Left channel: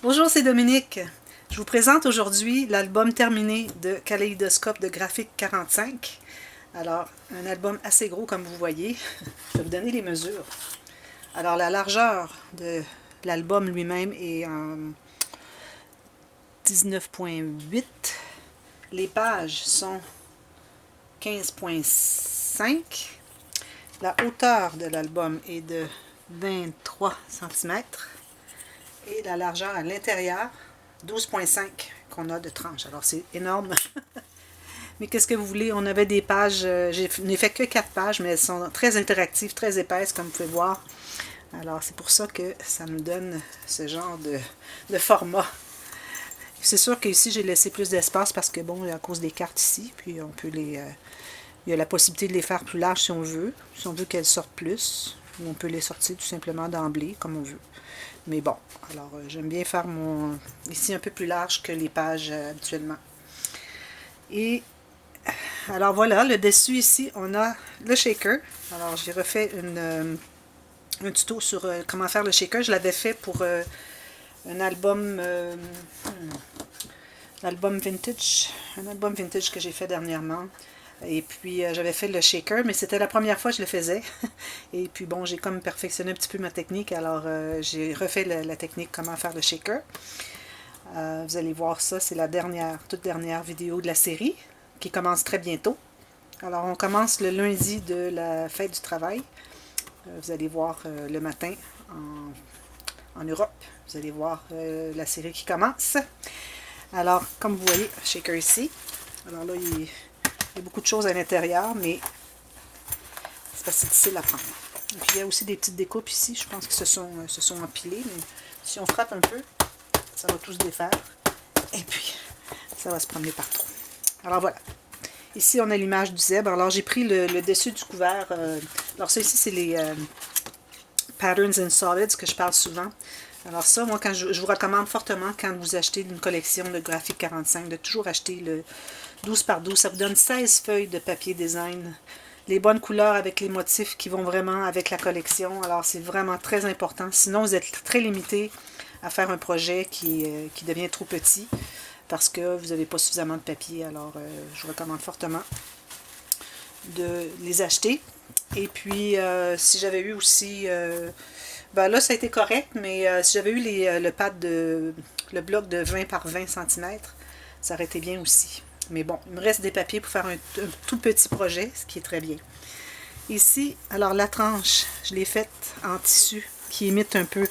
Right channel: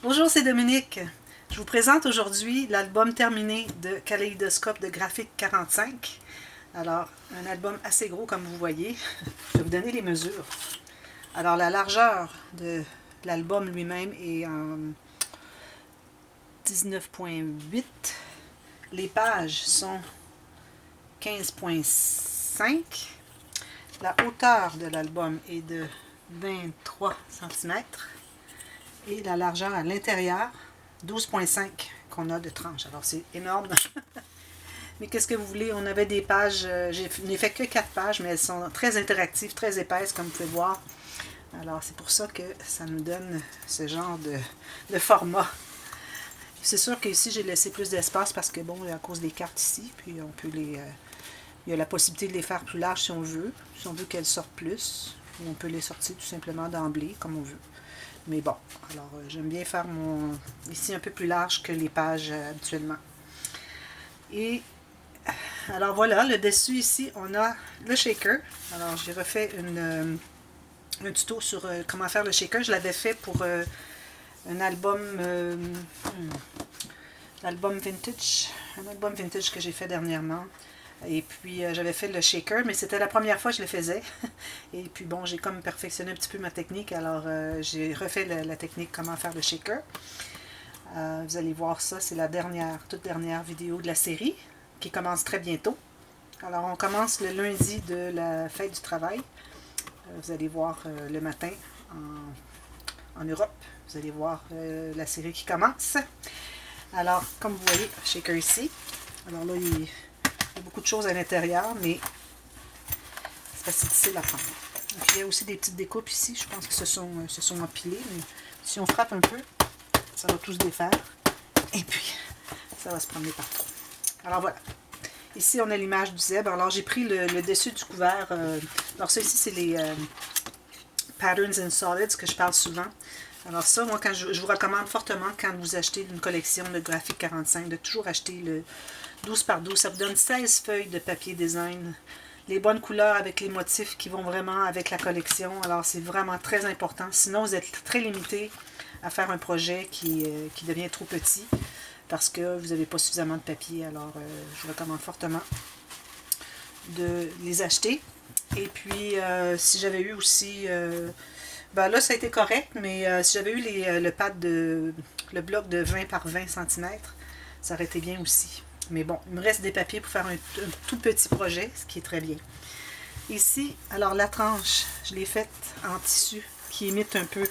Bonjour, c'est Dominique. Je vous présente aujourd'hui l'album terminé de Kaléidoscope de Graphique 45. Alors, un album assez gros comme vous voyez. Je vais vous donner les mesures. Alors, la largeur de l'album lui-même est en 19,8. Les pages sont 15,5. La hauteur de l'album est de 23 cm. Et la largeur à l'intérieur, 12,5 qu'on a de tranche. Alors, c'est énorme. Mais qu'est-ce que vous voulez? On avait des pages, je n'ai fait que 4 pages, mais elles sont très interactives, très épaisses, comme vous pouvez voir. Alors, c'est pour ça que ça nous donne ce genre de format. C'est sûr qu'ici, j'ai laissé plus d'espace parce que, bon, à cause des cartes ici, puis on peut les... il y a la possibilité de les faire plus larges si on veut qu'elles sortent plus. Ou on peut les sortir tout simplement d'emblée, comme on veut. Mais bon, alors j'aime bien faire mon ici un peu plus large que les pages habituellement. Et alors voilà, le dessus ici, on a le shaker. Alors j'ai refait un tuto sur comment faire le shaker. Je l'avais fait pour un album, un album vintage que j'ai fait dernièrement. Et puis j'avais fait le shaker, mais c'était la première fois que je le faisais. Et puis bon, j'ai comme perfectionné un petit peu ma technique, alors j'ai refait la technique comment faire le shaker. Vous allez voir ça, c'est la toute dernière vidéo de la série, qui commence très bientôt. Alors on commence le lundi de la fête du travail. Vous allez voir le matin en Europe. Vous allez voir la série qui commence. Alors, comme vous voyez, shaker ici. Alors là, il y a beaucoup de choses à l'intérieur, mais c'est pas si difficile à prendre. Et puis, il y a aussi des petites découpes ici. Je pense que se sont empilées. Mais si on frappe un peu, ça va tout se défaire. Et puis, ça va se promener partout. Alors voilà. Ici, on a l'image du zèbre. Alors, j'ai pris le dessus du couvert. Alors, ça ici, c'est les Patterns in Solids que je parle souvent. Alors ça, moi, je vous recommande fortement quand vous achetez une collection de Graphique 45, de toujours acheter le 12 par 12. Ça vous donne 16 feuilles de papier design. Les bonnes couleurs avec les motifs qui vont vraiment avec la collection. Alors, c'est vraiment très important. Sinon, vous êtes très limité à faire un projet qui devient trop petit parce que vous n'avez pas suffisamment de papier. Alors, je vous recommande fortement de les acheter. Et puis, si j'avais eu aussi... ben là, ça a été correct, mais si j'avais eu le pad le bloc de 20 par 20 cm, ça aurait été bien aussi. Mais bon, il me reste des papiers pour faire un tout petit projet, ce qui est très bien. Ici, alors la tranche, je l'ai faite en tissu qui imite un peu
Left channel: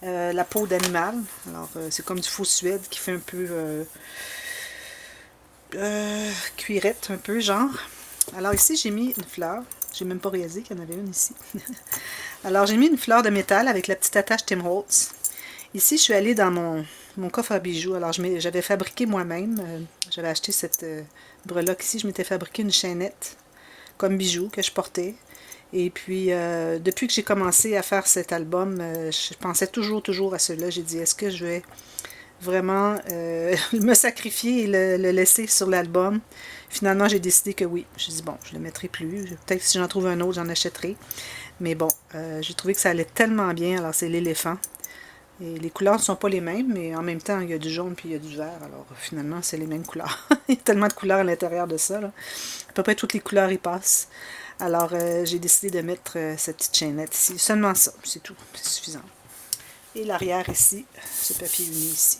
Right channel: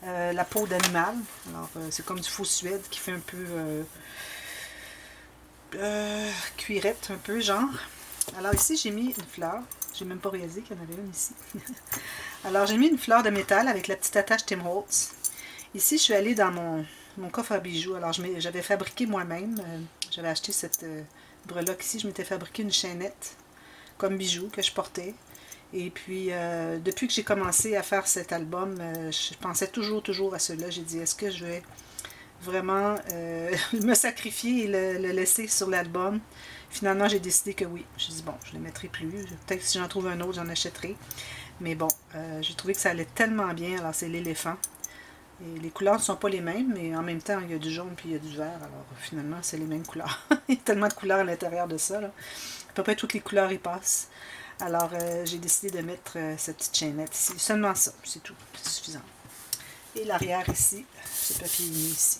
la peau d'animal. Alors, c'est comme du faux suède qui fait un peu cuirette, un peu genre. Alors ici, j'ai mis une fleur. J'ai même pas réalisé qu'il y en avait une ici. Alors, j'ai mis une fleur de métal avec la petite attache Tim Holtz. Ici, je suis allée dans mon coffre à bijoux. Alors, j'avais fabriqué moi-même. J'avais acheté cette breloque ici. Je m'étais fabriqué une chaînette comme bijou que je portais. Et puis, depuis que j'ai commencé à faire cet album, je pensais toujours à cela. J'ai dit, est-ce que je vais vraiment me sacrifier et le laisser sur l'album? Finalement, j'ai décidé que oui. Je dis bon, je ne le mettrai plus. Peut-être que si j'en trouve un autre, j'en achèterai. Mais bon, j'ai trouvé que ça allait tellement bien. Alors, c'est l'éléphant. Et les couleurs ne sont pas les mêmes, mais en même temps, il y a du jaune puis il y a du vert. Alors, finalement, c'est les mêmes couleurs. Il y a tellement de couleurs à l'intérieur de ça. Là. À peu près toutes les couleurs y passent. Alors, j'ai décidé de mettre cette petite chaînette ici. Seulement ça, c'est tout. C'est suffisant. Et l'arrière ici, ce papier uni ici.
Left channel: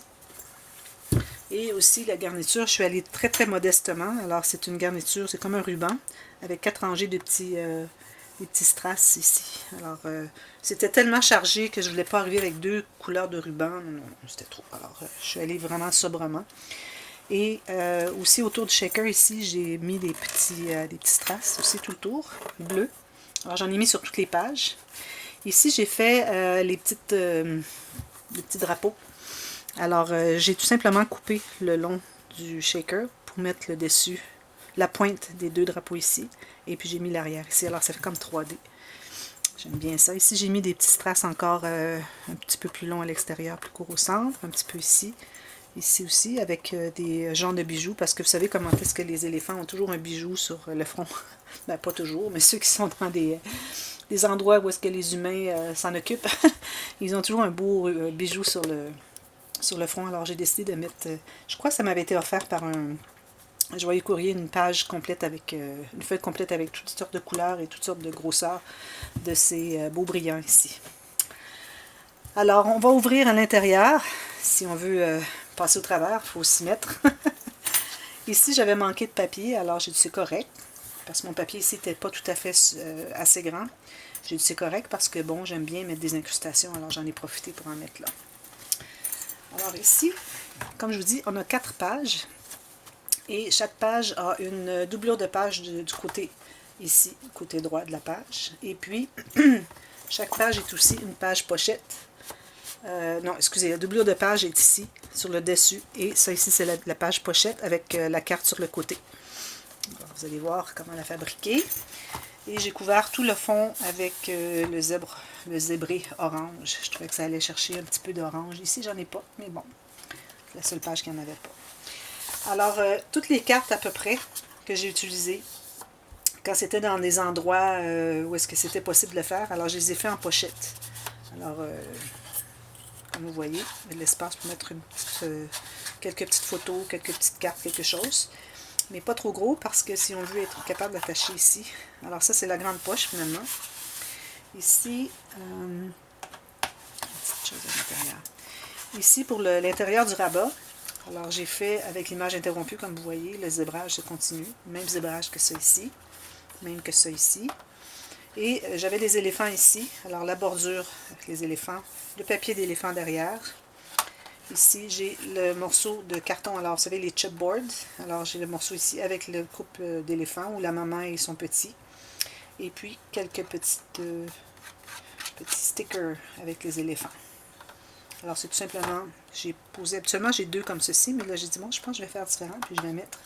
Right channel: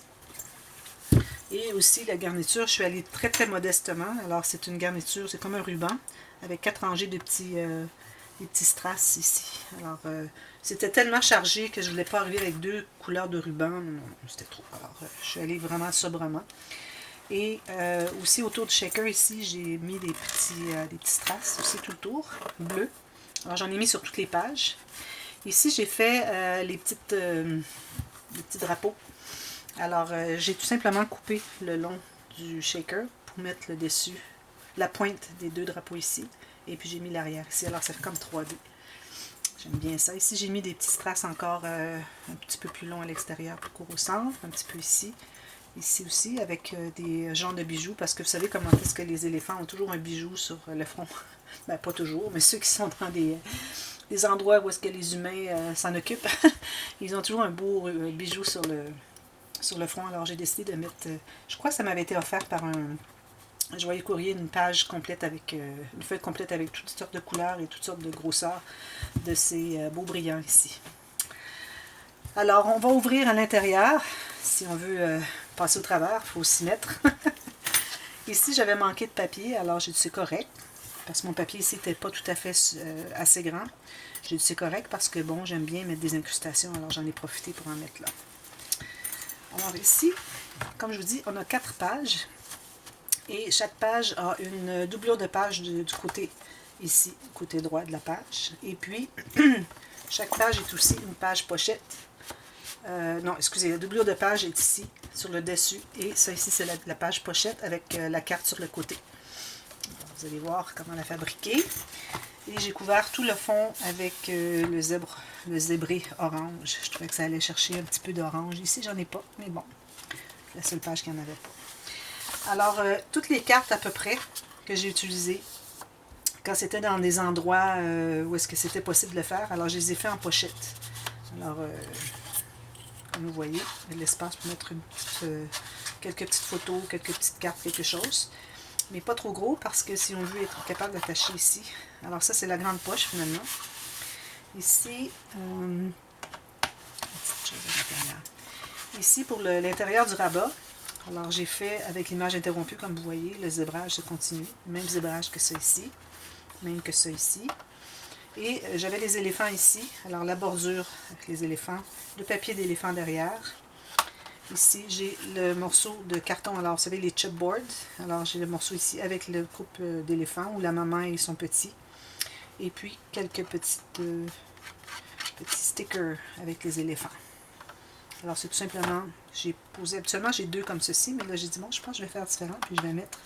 Et aussi, la garniture, je suis allée très modestement. Alors, c'est une garniture, c'est comme un ruban, avec 4 rangées de des petits strass ici. Alors, c'était tellement chargé que je ne voulais pas arriver avec 2 couleurs de ruban. Non, c'était trop. Alors, je suis allée vraiment sobrement. Et aussi, autour du shaker, ici, j'ai mis des petits strass aussi tout le tour, bleus. Alors, j'en ai mis sur toutes les pages. Ici, j'ai fait les petits drapeaux. Alors, j'ai tout simplement coupé le long du shaker pour mettre le dessus, la pointe des 2 drapeaux ici. Et puis, j'ai mis l'arrière ici. Alors, ça fait comme 3D. J'aime bien ça. Ici, j'ai mis des petits strass encore un petit peu plus longs à l'extérieur, plus court au centre. Un petit peu ici. Ici aussi, avec des genres de bijoux. Parce que vous savez comment est-ce que les éléphants ont toujours un bijou sur le front. Ben, pas toujours, mais ceux qui sont dans les endroits où est-ce que les humains s'en occupent. Ils ont toujours un beau bijou sur le front. Alors j'ai décidé de mettre, je crois que ça m'avait été offert par un joyeux courrier, une page complète avec, une feuille complète avec toutes sortes de couleurs et toutes sortes de grosseurs de ces beaux brillants ici. Alors on va ouvrir à l'intérieur. Si on veut passer au travers, il faut s'y mettre. Ici j'avais manqué de papier, alors j'ai dit c'est correct. Parce que mon papier ici n'était pas tout à fait assez grand. J'ai dit c'est correct parce que bon, j'aime bien mettre des incrustations, alors j'en ai profité pour en mettre là. Alors ici, comme je vous dis, on a 4 pages. Et chaque page a une doublure de page du côté ici, côté droit de la page. Et puis, chaque page est aussi une page pochette. Non, excusez, la doublure de page est ici, sur le dessus. Et ça ici, c'est la page pochette avec la carte sur le côté. Alors, vous allez voir comment la fabriquer. Et j'ai couvert tout le fond avec le zébré orange. Je trouvais que ça allait chercher un petit peu d'orange. Ici, j'en ai pas, mais bon, c'est la seule page qu'il n'y en avait pas. Alors, toutes les cartes à peu près que j'ai utilisées, quand c'était dans des endroits où est-ce que c'était possible de le faire, alors je les ai fait en pochette. Alors, comme vous voyez, il y a de l'espace pour mettre quelques petites photos, quelques petites cartes, quelque chose. Mais pas trop gros parce que si on veut être capable d'attacher ici. Alors ça, c'est la grande poche finalement. Ici, ici pour l'intérieur du rabat, alors j'ai fait avec l'image interrompue, comme vous voyez, le zébrage se continue. Même zébrage que ça ici, même que ça ici. Et j'avais les éléphants ici, alors la bordure avec les éléphants, le papier d'éléphant derrière. Ici, j'ai le morceau de carton, alors vous savez, les chipboards. Alors j'ai le morceau ici avec le couple d'éléphants où la maman et son petit. Et puis quelques petits stickers avec les éléphants. Alors c'est tout simplement, j'ai posé, habituellement j'ai 2 comme ceci, mais là j'ai dit bon, je pense que je vais faire différent, puis je vais mettre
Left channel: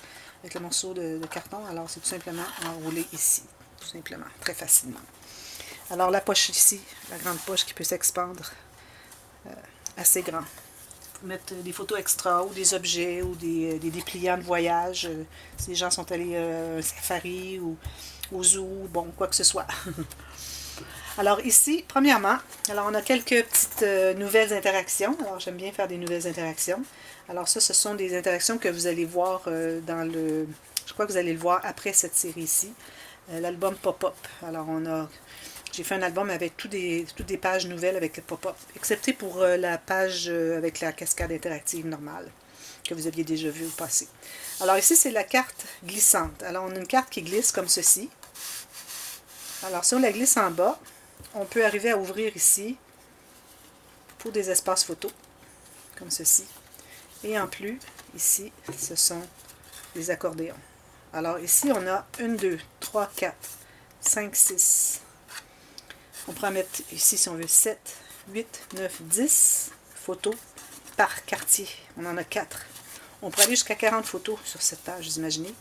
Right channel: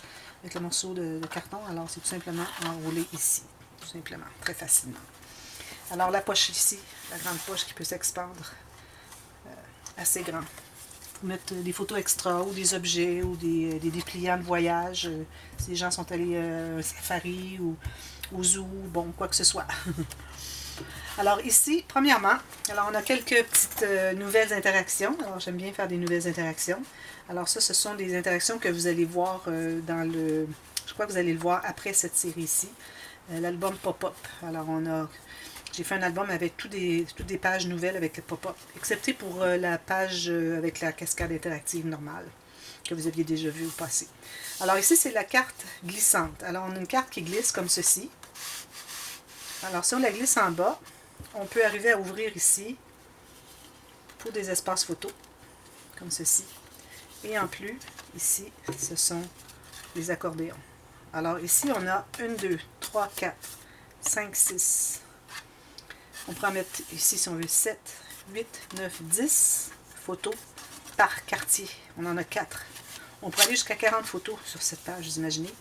avec le morceau de carton. Alors c'est tout simplement enroulé ici, tout simplement, très facilement. Alors la poche ici, la grande poche qui peut s'expandre, assez grand. Pour mettre des photos extra ou des objets ou des dépliants de voyage. Si les gens sont allés à un safari ou au zoo, bon, quoi que ce soit. Alors ici, premièrement, alors on a quelques petites nouvelles interactions. Alors j'aime bien faire des nouvelles interactions. Alors ça, ce sont des interactions que vous allez voir dans le... Je crois que vous allez le voir après cette série ici. L'album Pop-Up. Alors on a... J'ai fait un album avec toutes des pages nouvelles avec le pop-up, excepté pour la page avec la cascade interactive normale, que vous aviez déjà vu au passé. Alors ici, c'est la carte glissante. Alors on a une carte qui glisse comme ceci. Alors si on la glisse en bas, on peut arriver à ouvrir ici pour des espaces photos, comme ceci. Et en plus, ici, ce sont les accordéons. Alors ici, on a 1, 2, 3, 4, 5, 6... On peut en mettre ici, si on veut, 7, 8, 9, 10 photos par quartier. On en a 4. On peut aller jusqu'à 40 photos sur cette page, vous imaginez.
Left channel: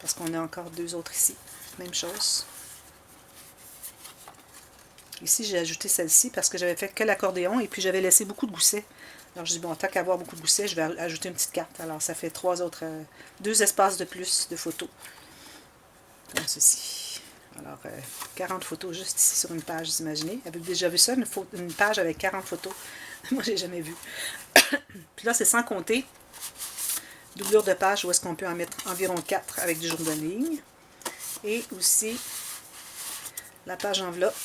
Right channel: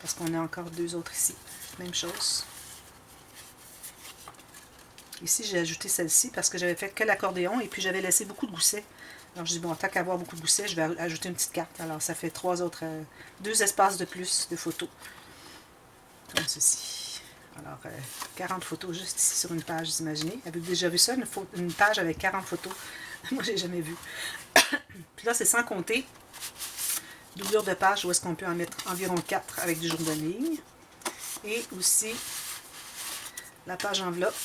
Parce qu'on a encore 2 autres ici. Même chose. Ici, j'ai ajouté celle-ci parce que j'avais fait que l'accordéon et puis j'avais laissé beaucoup de goussets. Alors, je dis, bon, tant qu'à avoir beaucoup de goussets, je vais ajouter une petite carte. Alors, ça fait 2 espaces de plus de photos. Comme ceci. Alors, 40 photos juste ici sur une page, vous imaginez. Avez-vous déjà vu ça, une page avec 40 photos? Moi, j'ai jamais vu. Puis là, c'est sans compter doublure de page où est-ce qu'on peut en mettre environ 4 avec du jour de ligne. Et aussi la page enveloppe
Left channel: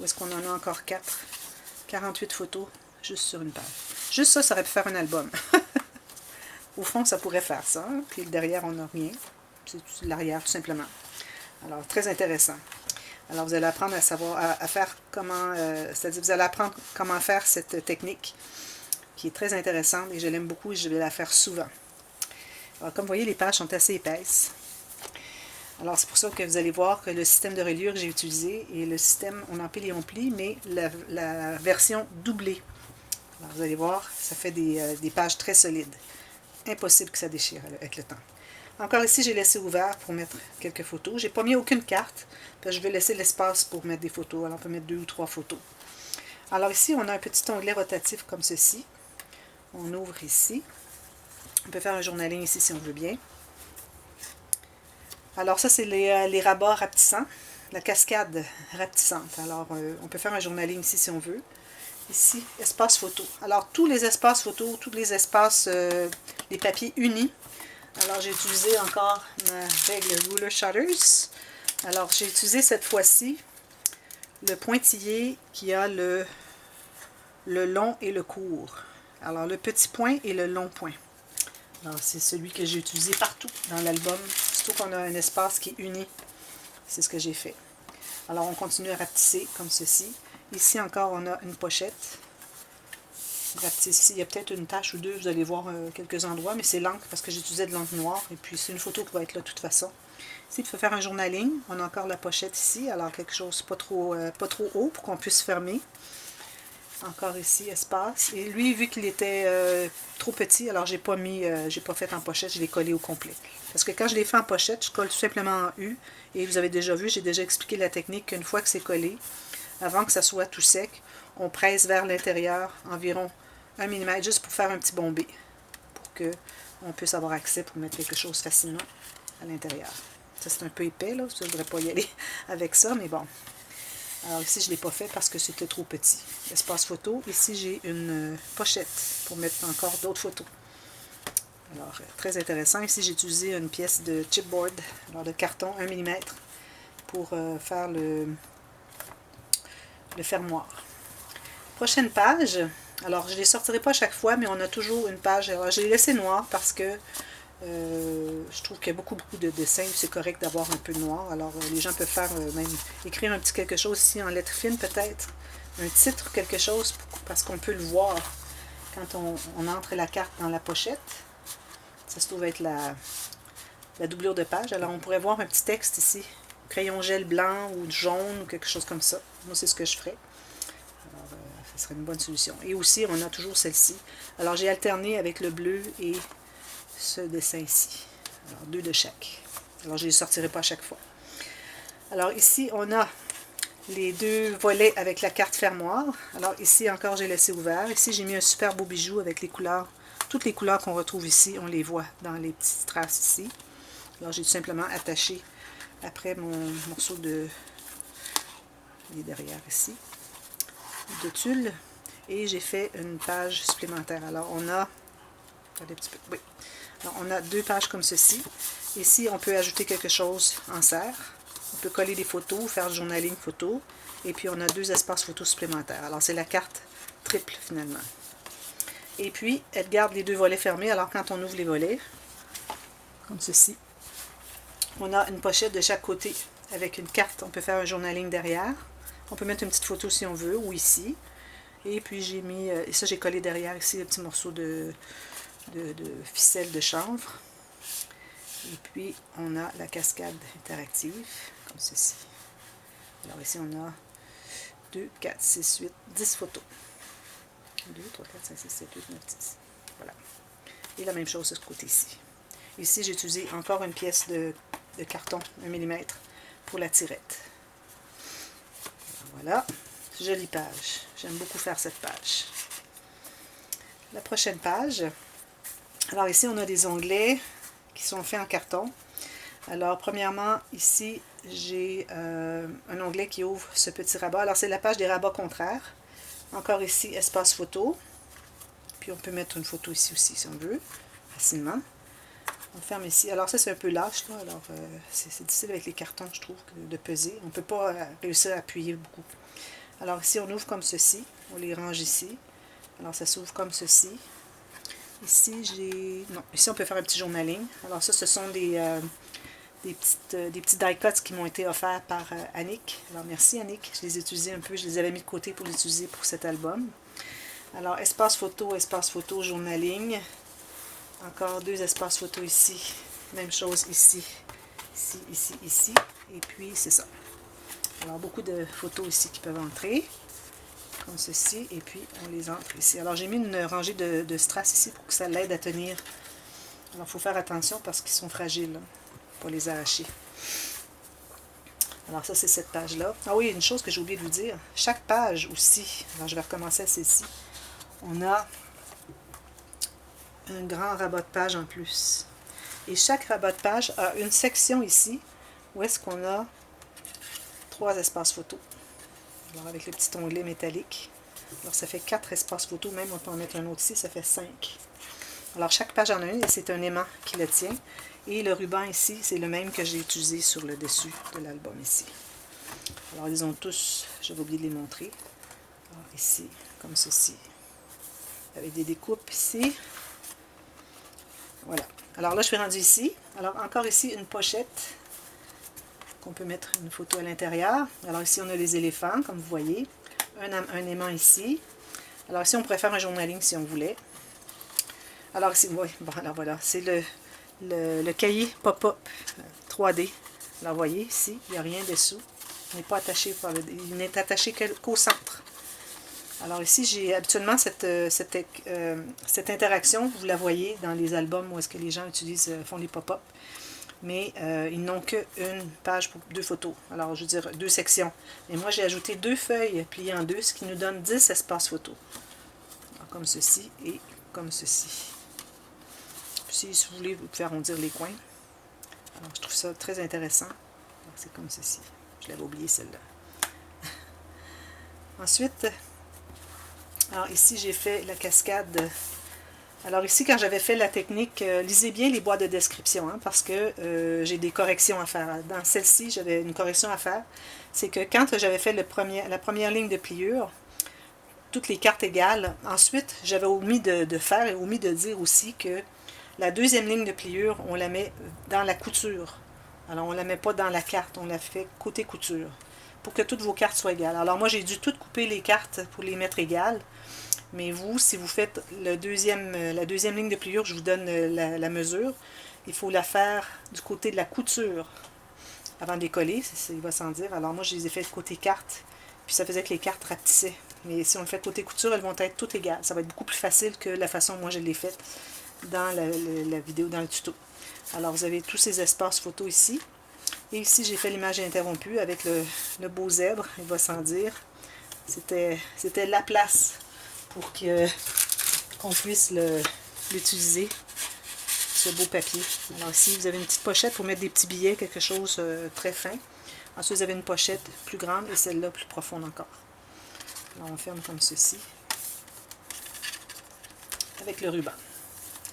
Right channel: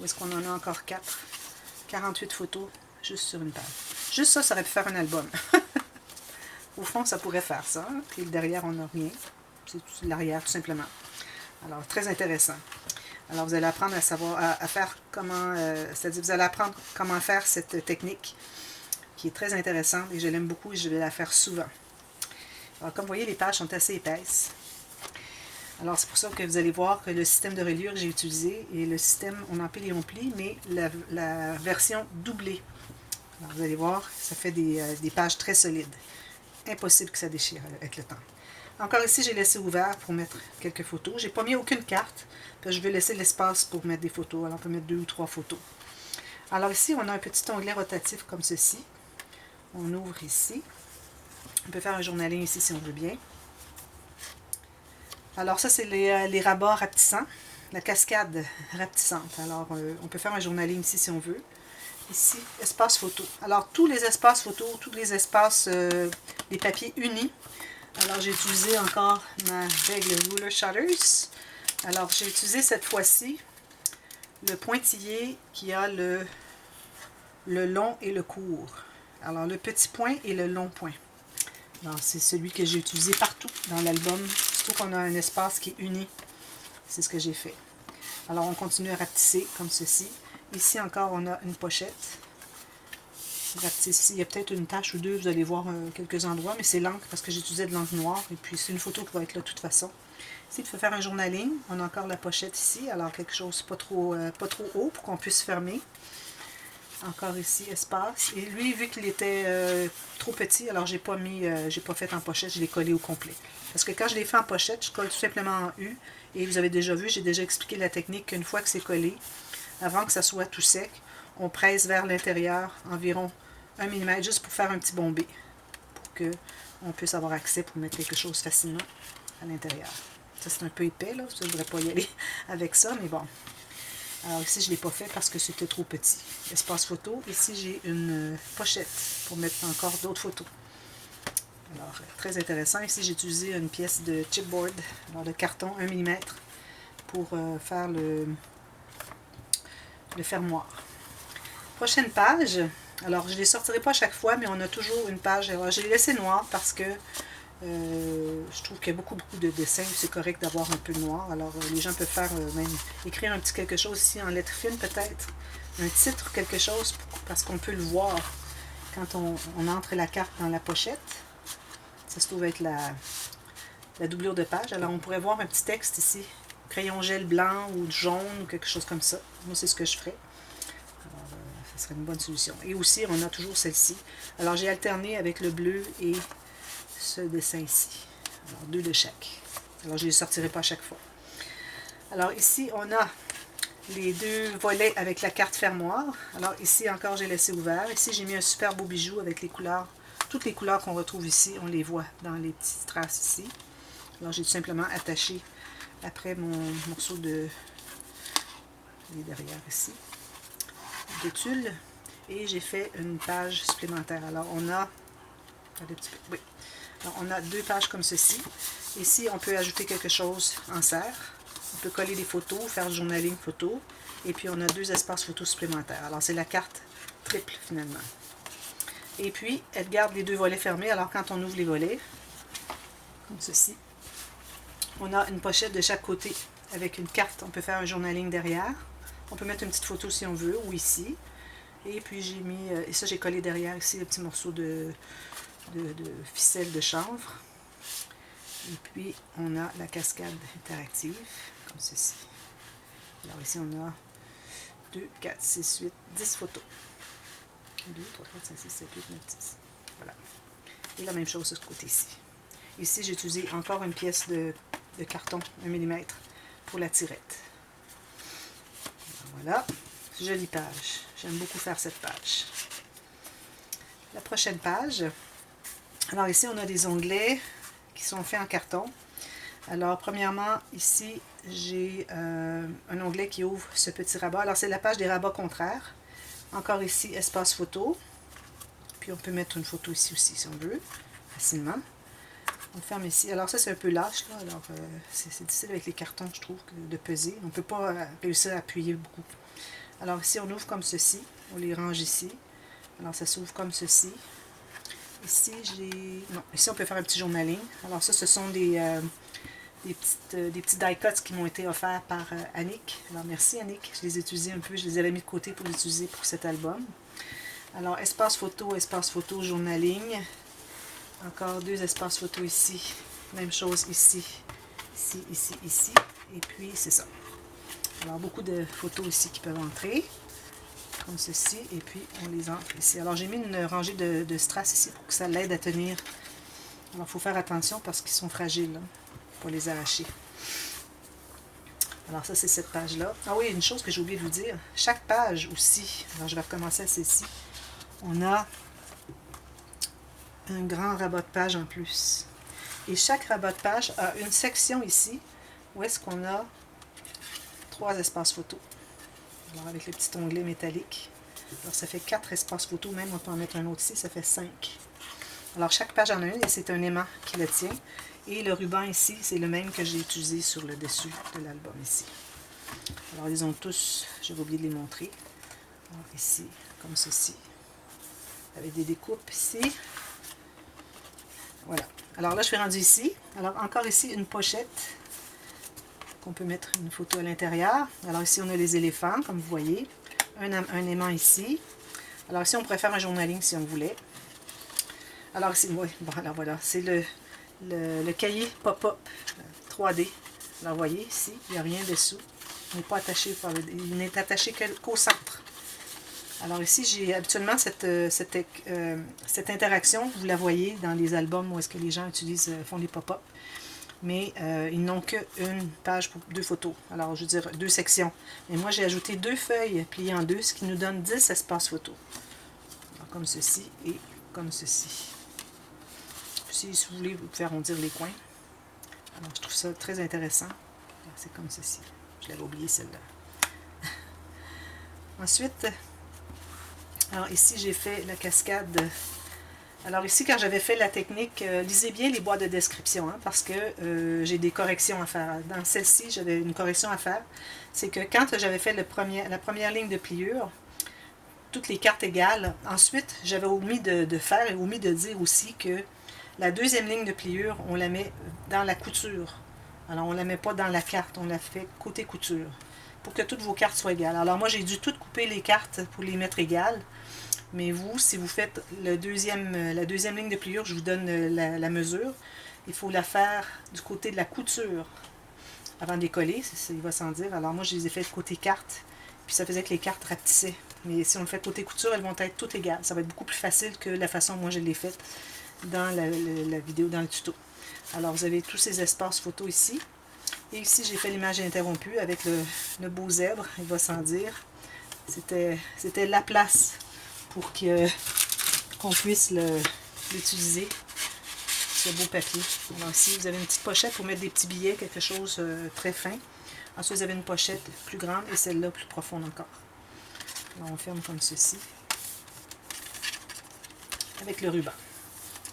où est-ce qu'on en a encore 4. 48 photos juste sur une page. Juste ça, ça aurait pu faire un album. Au fond, ça pourrait faire ça. Puis derrière, on n'a rien. C'est l'arrière, tout simplement. Alors, très intéressant. Alors, vous allez apprendre à savoir, à faire comment, c'est-à-dire vous allez apprendre comment faire cette technique qui est très intéressante et je l'aime beaucoup et je vais la faire souvent. Alors, comme vous voyez, les pages sont assez épaisses. Alors, c'est pour ça que vous allez voir que le système de reliure que j'ai utilisé est le système, on empile et on plie, mais la version doublée. Alors, vous allez voir, ça fait des pages très solides. Impossible que ça déchire avec le temps. Encore ici, j'ai laissé ouvert pour mettre quelques photos. J'ai pas mis aucune carte, parce que je vais laisser l'espace pour mettre des photos. Alors, on peut mettre 2 ou 3 photos. Alors ici, on a un petit onglet rotatif comme ceci. On ouvre ici. On peut faire un journaling ici si on veut bien. Alors ça, c'est les rabats rapetissants. la cascade rapetissante. Alors, on peut faire un journaling ici si on veut. Ici, espace photo. Alors, tous les espaces photo, tous les espaces des papiers unis. Alors, j'ai utilisé encore ma règle Ruler Shutters. Alors, j'ai utilisé cette fois-ci le pointillé qui a le long et le court. Alors, le petit point et le long point. Alors, c'est celui que j'ai utilisé partout dans l'album. Surtout qu'on a un espace qui est uni. C'est ce que j'ai fait. Alors, on continue à rapetisser comme ceci. Ici encore, on a une pochette. Ici, il y a peut-être une tache ou deux, vous allez voir quelques endroits, mais c'est l'encre parce que j'utilisais de l'encre noire. Et puis, c'est une photo qui va être là de toute façon. Ici, il faut faire un journaling. On a encore la pochette ici. Alors, quelque chose pas trop haut pour qu'on puisse fermer. Encore ici, espace. Et lui, vu qu'il était trop petit, alors j'ai pas fait en pochette, je l'ai collé au complet. Parce que quand je l'ai fait en pochette, je colle tout simplement en U. Et vous avez déjà vu, j'ai déjà expliqué la technique qu'une fois que c'est collé, avant que ça soit tout sec, on presse vers l'intérieur environ 1 mm juste pour faire un petit bombé. Pour qu'on puisse avoir accès pour mettre quelque chose facilement à l'intérieur. Ça, c'est un peu épais, là. Je ne voudrais pas y aller avec ça, mais bon. Alors ici, je ne l'ai pas fait parce que c'était trop petit. Espace photo. Ici, j'ai une pochette pour mettre encore d'autres photos. Alors, très intéressant. Ici, j'ai utilisé une pièce de chipboard, alors de carton 1 mm, pour faire le fermoir. Prochaine page. Alors, je ne les sortirai pas à chaque fois, mais on a toujours une page. Alors, je l'ai laissé noir parce que je trouve qu'il y a beaucoup de dessins. C'est correct d'avoir un peu de noir. Alors, les gens peuvent faire même écrire un petit quelque chose ici en lettres fines, peut-être. Un titre, quelque chose, parce qu'on peut le voir quand on entre la carte dans la pochette. Ça se trouve être la doublure de page. Alors, on pourrait voir un petit texte ici. Crayon gel blanc ou jaune ou quelque chose comme ça. Moi, c'est ce que je ferais. Alors, ça serait une bonne solution. Et aussi, on a toujours celle-ci. Alors, j'ai alterné avec le bleu et ce dessin ici. Alors, 2 de chaque. Alors, je ne les sortirai pas à chaque fois. Alors, ici, on a les 2 volets avec la carte fermoir. Alors, ici, encore, j'ai laissé ouvert. Ici, j'ai mis un super beau bijou avec les couleurs. Toutes les couleurs qu'on retrouve ici, on les voit dans les petites traces ici. Alors, j'ai tout simplement attaché après mon morceau de derrière ici, de tulle. Et j'ai fait une page supplémentaire. Alors, on a... Regardez un petit peu. Oui. Alors, on a 2 pages comme ceci. Ici, on peut ajouter quelque chose en serre. On peut coller des photos, faire du journaling photo. Et puis, on a 2 espaces photos supplémentaires. Alors, c'est la carte triple, finalement. Et puis, elle garde les 2 volets fermés. Alors, quand on ouvre les volets, comme ceci, on a une pochette de chaque côté avec une carte. On peut faire un journaling derrière. On peut mettre une petite photo si on veut, ou ici. Et puis, j'ai mis... et ça, j'ai collé derrière ici un petit morceau de ficelle de chanvre. Et puis, on a la cascade interactive, comme ceci. Alors ici, on a 2, 4, 6, 8, 10 photos. 2, 3, 4, 5, 6, 7, 8, 9, 10. Voilà. Et la même chose de ce côté-ci. Ici, j'ai utilisé encore une pièce de carton 1 mm pour la tirette. Voilà. Jolie page. J'aime beaucoup faire cette page. La prochaine page. Alors ici, on a des onglets qui sont faits en carton. Alors, premièrement, ici, j'ai un onglet qui ouvre ce petit rabat. Alors, c'est la page des rabats contraires. Encore ici, espace photo. Puis, on peut mettre une photo ici aussi, si on veut, facilement. On ferme ici. Alors, ça, c'est un peu lâche, là. Alors, c'est difficile avec les cartons, je trouve, de peser. On ne peut pas réussir à appuyer beaucoup. Alors, ici, on ouvre comme ceci. On les range ici. Alors, ça s'ouvre comme ceci. Ici, ici, on peut faire un petit journaling. Alors, ça, ce sont des petits die cuts qui m'ont été offerts par Annick. Alors, merci Annick. Je les ai utilisés un peu. Je les avais mis de côté pour les utiliser pour cet album. Alors, espace photo, journaling. Encore 2 espaces photo ici. Même chose ici. Ici, ici, ici. Et puis, c'est ça. Alors, beaucoup de photos ici qui peuvent entrer. Comme ceci. Et puis, on les entre ici. Alors, j'ai mis une rangée de strass ici pour que ça l'aide à tenir. Alors, il faut faire attention parce qu'ils sont fragiles, hein, pour les arracher. Alors, ça, c'est cette page-là. Ah oui, une chose que j'ai oublié de vous dire. Chaque page aussi, alors je vais recommencer à celle-ci, on a un grand rabat de page en plus. Et chaque rabat de page a une section ici où est-ce qu'on a 3 espaces photo. Alors avec le petit onglet métallique. Alors ça fait 4 espaces photo, même on peut en mettre un autre ici, ça fait 5. Alors chaque page en a une et c'est un aimant qui le tient. Et le ruban ici, c'est le même que j'ai utilisé sur le dessus de l'album ici. Alors ils ont tous, j'avais oublié de les montrer. Alors ici, comme ceci, avec des découpes ici. Voilà. Alors là, je suis rendue ici. Alors encore ici, une pochette qu'on peut mettre une photo à l'intérieur. Alors ici, on a les éléphants, comme vous voyez. Un aimant ici. Alors ici, on pourrait faire un journaling si on voulait. Alors ici, oui, bon, alors voilà, c'est le cahier pop-up 3D. Alors vous voyez, ici, il n'y a rien dessous. Il n'est pas attaché il n'est attaché qu'au centre. Alors ici, j'ai habituellement cette interaction, vous la voyez dans les albums où est-ce que les gens font des pop-up. Mais ils n'ont qu'une page pour 2 photos. Alors, je veux dire, 2 sections. Et moi, j'ai ajouté 2 feuilles pliées en 2, ce qui nous donne 10 espaces photos. Alors, comme ceci et comme ceci. Si vous voulez, vous pouvez arrondir les coins. Alors, je trouve ça très intéressant. C'est comme ceci. Je l'avais oublié, celle-là. Ensuite, alors ici, j'ai fait la cascade. Alors ici, quand j'avais fait la technique, lisez bien les boîtes de description, hein, parce que j'ai des corrections à faire. Dans celle-ci, j'avais une correction à faire. C'est que quand j'avais fait la première ligne de pliure, toutes les cartes égales, ensuite, j'avais omis de faire et omis de dire aussi que la deuxième ligne de pliure, on la met dans la couture. Alors, on ne la met pas dans la carte, on la fait côté couture, pour que toutes vos cartes soient égales. Alors, moi, j'ai dû toutes couper les cartes pour les mettre égales. Mais vous, si vous faites la deuxième ligne de pliure, je vous donne la mesure. Il faut la faire du côté de la couture avant de les coller, il va sans dire. Alors moi, je les ai fait côté carte, puis ça faisait que les cartes rapetissaient. Mais si on le fait côté couture, elles vont être toutes égales. Ça va être beaucoup plus facile que la façon dont moi je l'ai faite dans la vidéo, dans le tuto. Alors vous avez tous ces espaces photos ici. Et ici, j'ai fait l'image interrompue avec le beau zèbre, il va sans dire. C'était la place pour qu'on puisse l'utiliser, ce beau papier. Alors ici, vous avez une petite pochette pour mettre des petits billets, quelque chose très fin. Ensuite, vous avez une pochette plus grande et celle-là plus profonde encore. Alors, on ferme comme ceci, avec le ruban.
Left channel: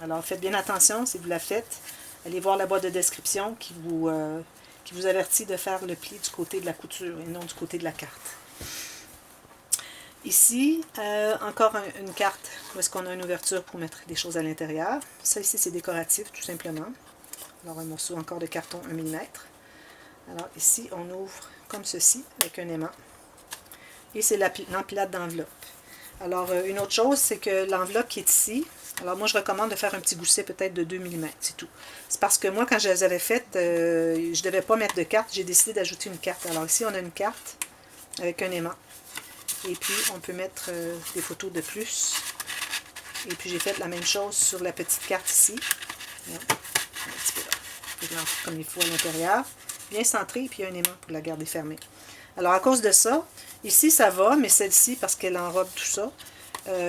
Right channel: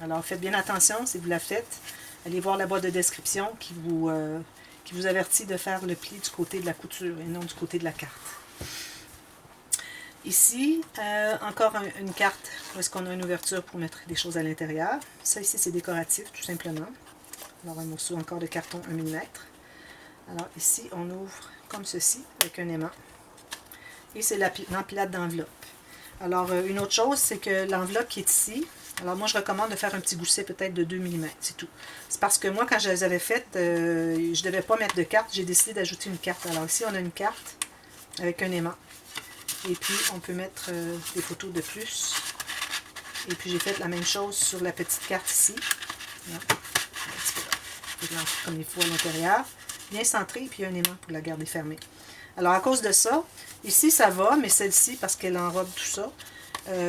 Alors, faites bien attention, si vous la faites, allez voir la boîte de description qui vous avertit de faire le pli du côté de la couture et non du côté de la carte. Ici, encore une carte où est-ce qu'on a une ouverture pour mettre des choses à l'intérieur. Ça ici, c'est décoratif, tout simplement. Alors, un morceau encore de carton 1 mm. Alors ici, on ouvre comme ceci, avec un aimant. Et c'est l'empilade d'enveloppe. Alors, une autre chose, c'est que l'enveloppe qui est ici, alors moi, je recommande de faire un petit gousset peut-être de 2 mm, c'est tout. C'est parce que moi, quand je les avais faites, je ne devais pas mettre de carte, j'ai décidé d'ajouter une carte. Alors ici, on a une carte avec un aimant. Et puis, on peut mettre des photos de plus. Et puis, j'ai fait la même chose sur la petite carte ici. Là, un petit peu là. Comme il faut à l'intérieur. Bien centré, et puis il y a un aimant pour la garder fermée. Alors, à cause de ça, ici, ça va, mais celle-ci, parce qu'elle enrobe tout ça,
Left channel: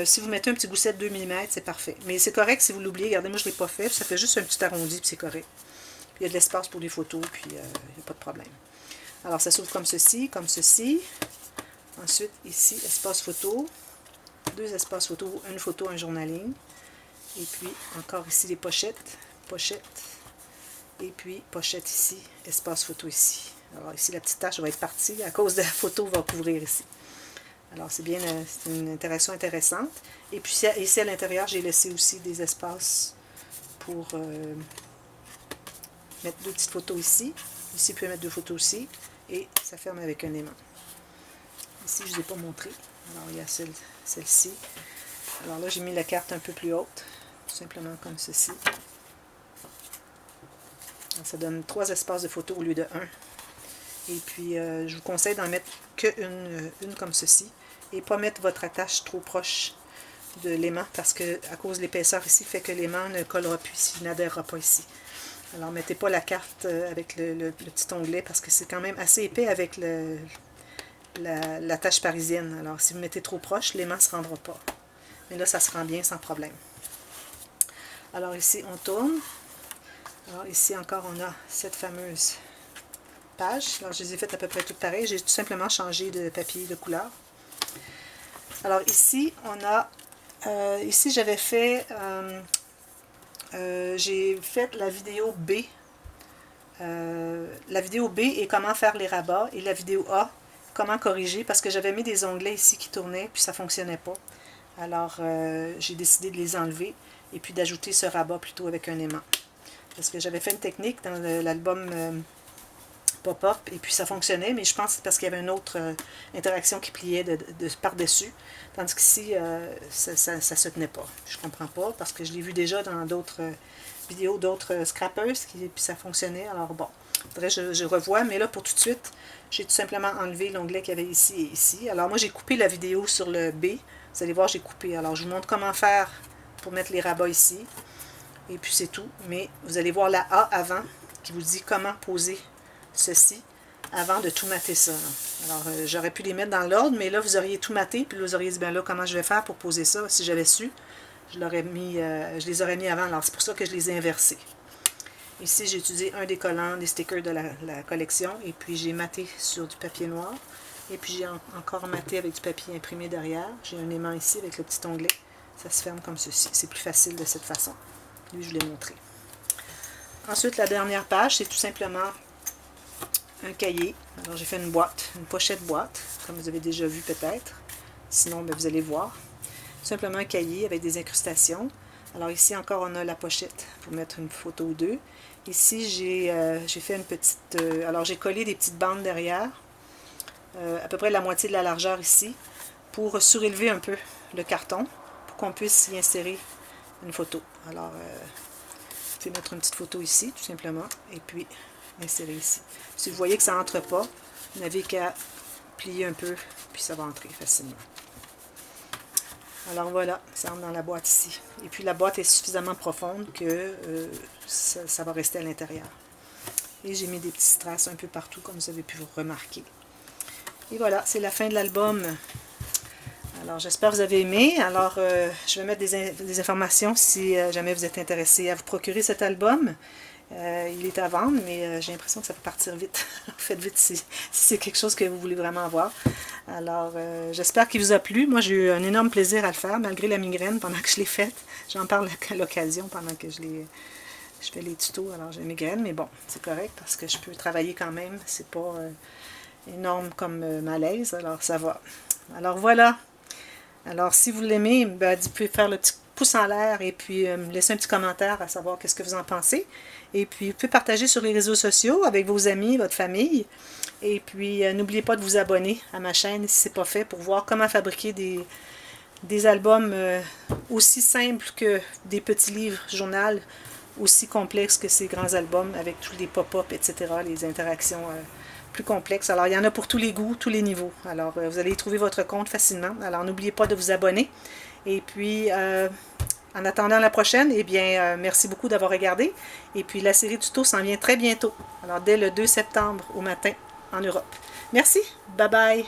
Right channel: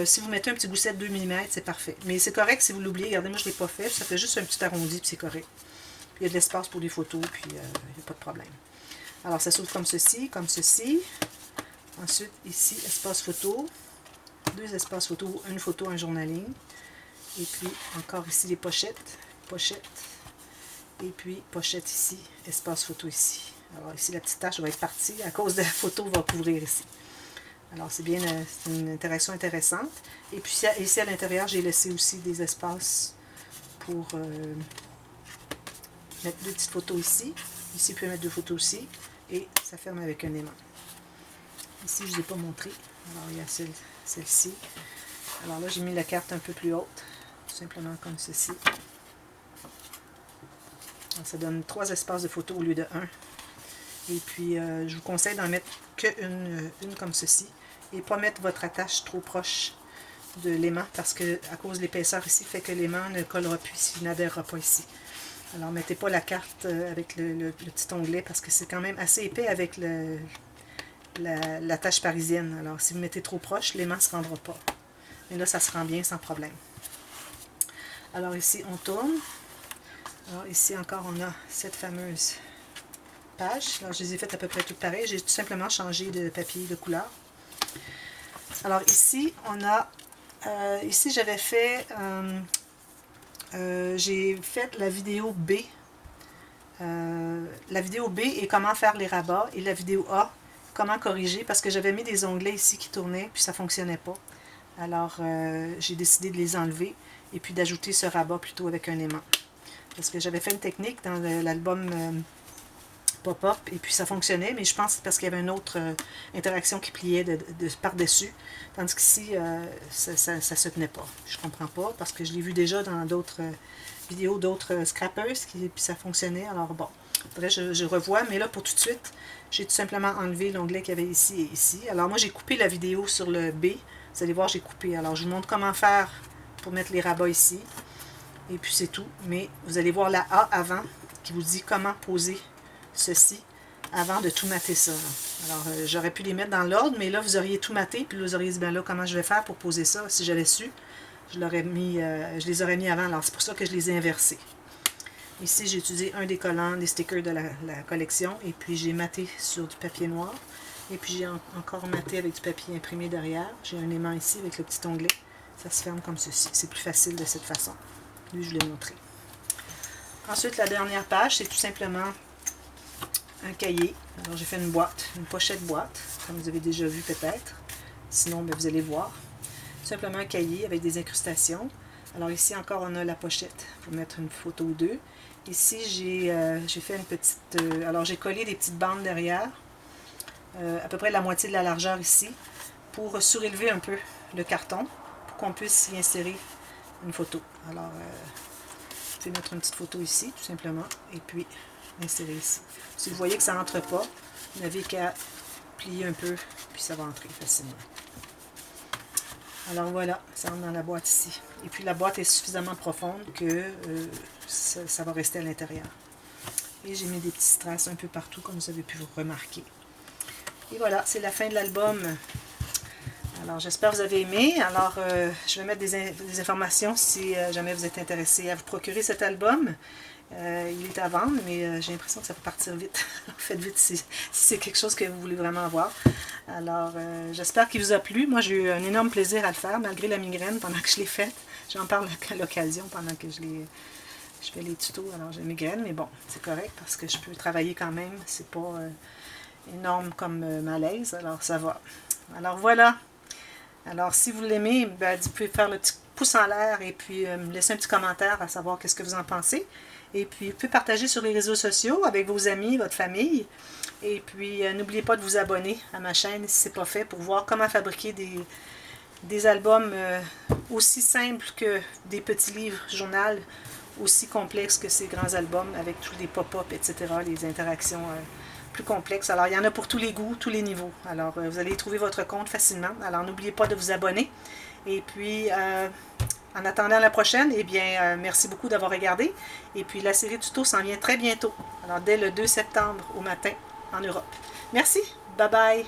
si vous mettez un petit gousset de 2 mm, c'est parfait. Mais c'est correct si vous l'oubliez. Regardez, moi, je ne l'ai pas fait. Ça fait juste un petit arrondi, puis c'est correct. Puis, il y a de l'espace pour les photos, puis il n'y a pas de problème. Alors, ça s'ouvre comme ceci, comme ceci. Ensuite, ici, espace photo, 2 espaces photo, une photo, un journaling. Et puis, encore ici, les pochettes, et puis, pochette ici, espace photo ici. Alors ici, la petite tache va être partie, à cause de la photo, va couvrir ici. Alors, c'est bien, c'est une interaction intéressante. Et puis, ici, à l'intérieur, j'ai laissé aussi des espaces pour mettre 2 petites photos ici. Ici, vous pouvez mettre 2 photos aussi. Et ça ferme avec un aimant. Ici, je ne vous ai pas montré. Alors, il y a celle-ci. Alors là, j'ai mis la carte un peu plus haute, tout simplement comme ceci. Alors, ça donne 3 espaces de photos au lieu de 1. Et puis, je vous conseille d'en mettre qu'une comme ceci. Et pas mettre votre attache trop proche de l'aimant, parce que à cause de l'épaisseur ici, fait que l'aimant ne collera plus, il n'adhérera pas ici. Alors, mettez pas la carte avec le petit onglet, parce que c'est quand même assez épais avec la tâche parisienne. Alors, si vous mettez trop proche, l'aimant ne se rendra pas. Mais là, ça se rend bien sans problème. Alors, ici, on tourne. Alors, ici encore, on a cette fameuse pages. Alors, je les ai faites à peu près toutes pareilles. J'ai tout simplement changé de papier de couleur. Alors ici, on a... ici, j'avais fait... j'ai fait la vidéo B. La vidéo B est comment faire les rabats. Et la vidéo A, comment corriger. Parce que j'avais mis des onglets ici qui tournaient, puis ça ne fonctionnait pas. Alors, j'ai décidé de les enlever. Et puis d'ajouter ce rabat plutôt avec un aimant. Parce que j'avais fait une technique dans l'album pop-up, et puis ça fonctionnait, mais je pense que c'est parce qu'il y avait une autre interaction qui pliait par-dessus. Tandis qu'ici, ça se tenait pas. Je comprends pas, parce que je l'ai vu déjà dans d'autres vidéos d'autres scrappers, puis ça fonctionnait. Alors bon, faudrait que je revois, mais là, pour tout de suite, j'ai tout simplement enlevé l'onglet qu'il y avait ici et ici. Alors moi, j'ai coupé la vidéo sur le B. Vous allez voir, j'ai coupé. Alors, je vous montre comment faire pour mettre les rabats ici. Et puis, c'est tout. Mais vous allez voir la A avant, qui vous dit comment poser ceci avant de tout mater ça. Alors, j'aurais pu les mettre dans l'ordre, mais là, vous auriez tout maté, puis là, vous auriez dit, ben là, comment je vais faire pour poser ça? Si j'avais su, je les aurais mis avant. Alors, c'est pour ça que je les ai inversés. Ici, j'ai utilisé un des collants, des stickers de la collection, et puis j'ai maté sur du papier noir. Et puis, j'ai encore maté avec du papier imprimé derrière. J'ai un aimant ici avec le petit onglet. Ça se ferme comme ceci. C'est plus facile de cette façon. Lui, je l'ai montré. Ensuite, la dernière page, c'est tout simplement un cahier. Alors, j'ai fait une boîte, une pochette boîte, comme vous avez déjà vu peut-être. Sinon, ben, vous allez voir. Tout simplement un cahier avec des incrustations. Alors, ici encore, on a la pochette pour mettre une photo ou deux. Ici, j'ai fait une petite... alors, j'ai collé des petites bandes derrière, à peu près la moitié de la largeur ici, pour surélever un peu le carton, pour qu'on puisse y insérer une photo. Alors, je vais mettre une petite photo ici, tout simplement, et puis insérer ici. Si vous voyez que ça n'entre pas, vous n'avez qu'à plier un peu, puis ça va entrer facilement. Alors voilà, ça entre dans la boîte ici. Et puis la boîte est suffisamment profonde que ça va rester à l'intérieur. Et j'ai mis des petits strass un peu partout, comme vous avez pu vous remarquer. Et voilà, c'est la fin de l'album. Alors, j'espère que vous avez aimé. Alors, je vais mettre des informations si jamais vous êtes intéressé à vous procurer cet album. Il est à vendre, mais j'ai l'impression que ça peut partir vite. Faites vite si c'est quelque chose que vous voulez vraiment avoir. Alors, j'espère qu'il vous a plu. Moi, j'ai eu un énorme plaisir à le faire, malgré la migraine pendant que je l'ai faite. J'en parle à l'occasion pendant que je fais les tutos. Alors, j'ai une migraine, mais bon, c'est correct parce que je peux travailler quand même. C'est pas énorme comme malaise, alors ça va. Alors, voilà. Alors, si vous l'aimez, ben, vous pouvez faire le petit pouce en l'air et puis me laisser un petit commentaire à savoir qu'est-ce que vous en pensez. Et puis, vous pouvez partager sur les réseaux sociaux avec vos amis, votre famille. Et puis, n'oubliez pas de vous abonner à ma chaîne si ce n'est pas fait pour voir comment fabriquer des albums aussi simples que des petits livres journal, aussi complexes que ces grands albums avec tous les pop-up, etc., les interactions plus complexes. Alors, il y en a pour tous les goûts, tous les niveaux. Alors, vous allez y trouver votre compte facilement. Alors, n'oubliez pas de vous abonner. Et puis, en attendant la prochaine, eh bien, merci beaucoup d'avoir regardé. Et puis, la série tuto s'en vient très bientôt. Alors, dès le 2 septembre au matin en Europe. Merci. Bye bye.